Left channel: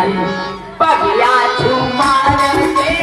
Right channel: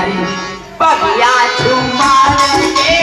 तुम्हारी बगिया झूमर के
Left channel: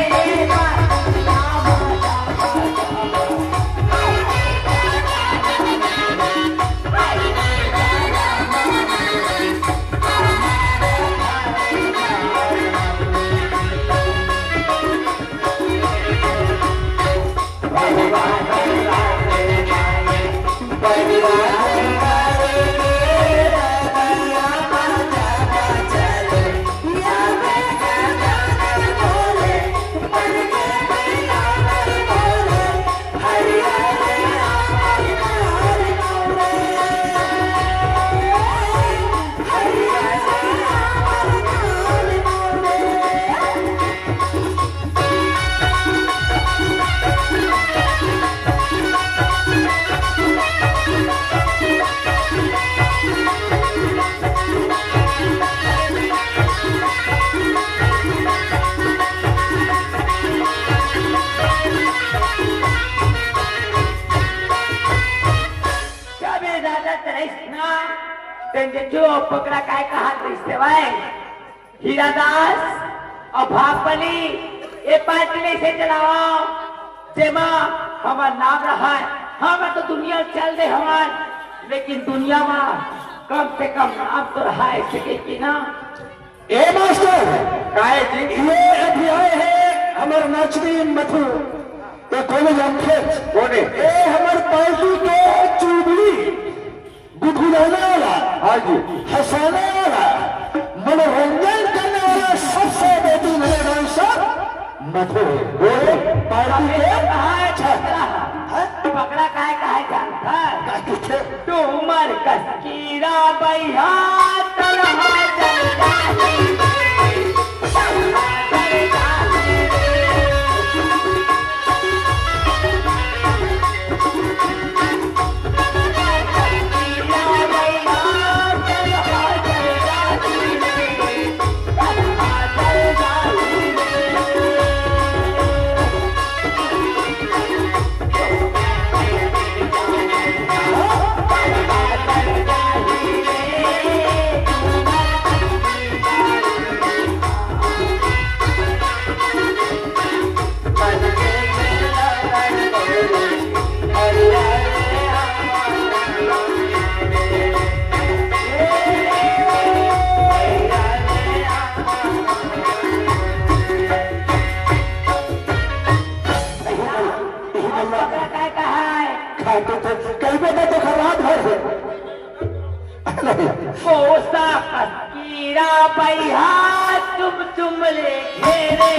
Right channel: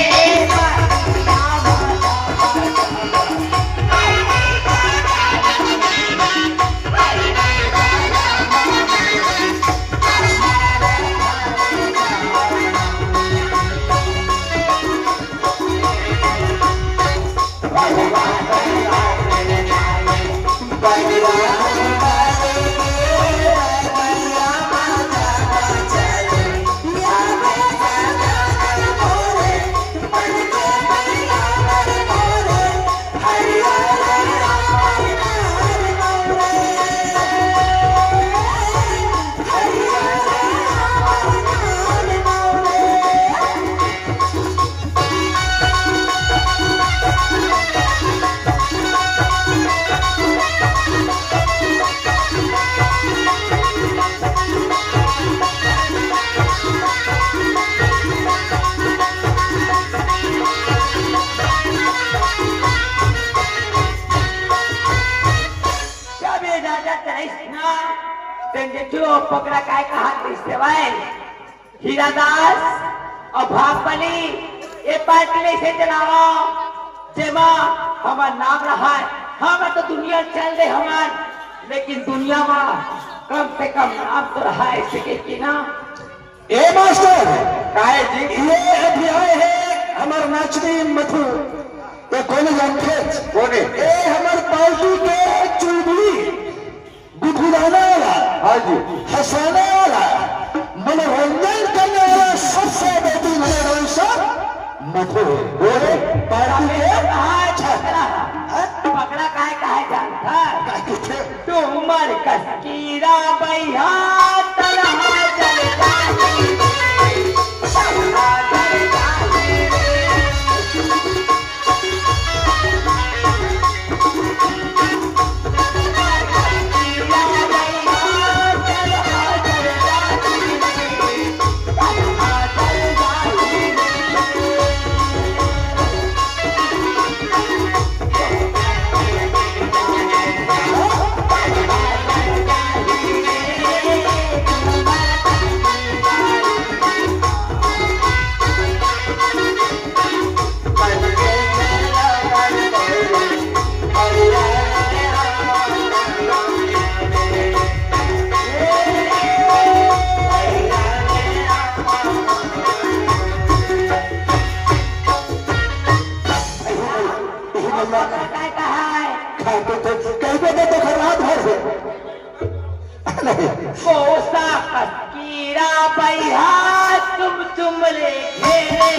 जो पकड़ा काय कहा दिसतेवाय हीरादास और भागबली ये पाटली से चलाओ जेमा हमार नाम रहा है। हाँ मैं तो दुनिया चल दे हमार, लेकिन दुनिया में कम से कम नाम तो रहा है सके की ना। ए मास्टर काय जी ये अभी आए हैं हमार नाचनी मधु तो कौन जानते बोले ए हमार पालतू के चुड़बुड़ी बुधुलाने वाला हाँ जी हंसाने वाला मनोरंजन करने वाला सबसे बेहतरीन है मधु पकड़ा काय कहा जानता है तुमर कस्कीरा बैहा तरह चलता कोसा कस्कीरा बैहा तुम रे घेरे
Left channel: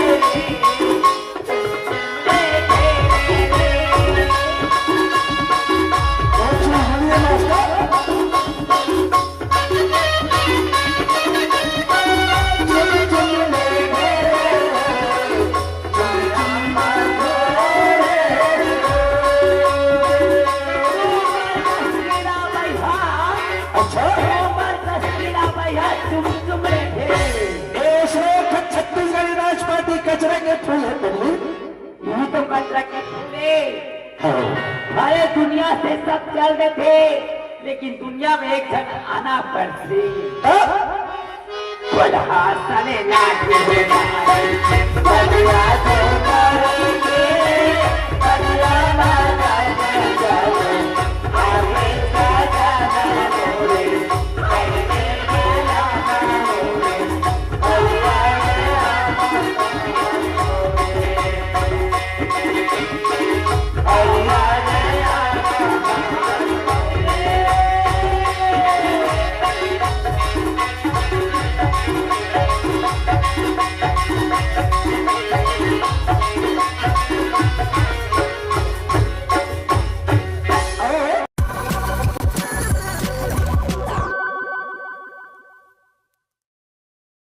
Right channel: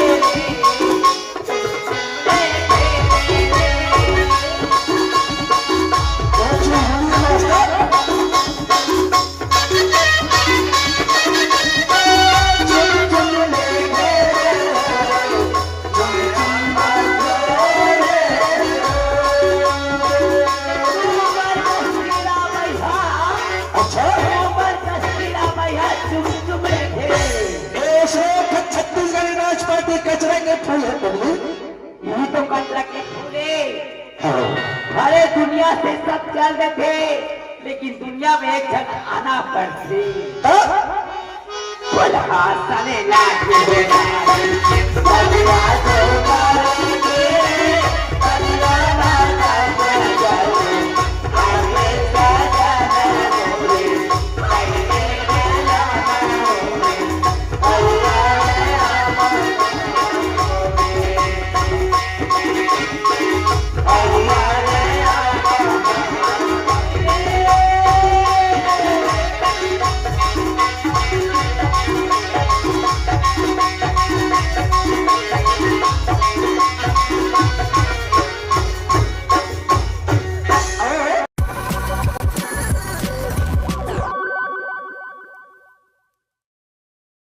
यही तो कचरा के पूरे अरे दुनिया से सब चल रहे थे, लेकिन दुनिया में एक जन आना पड़ती चले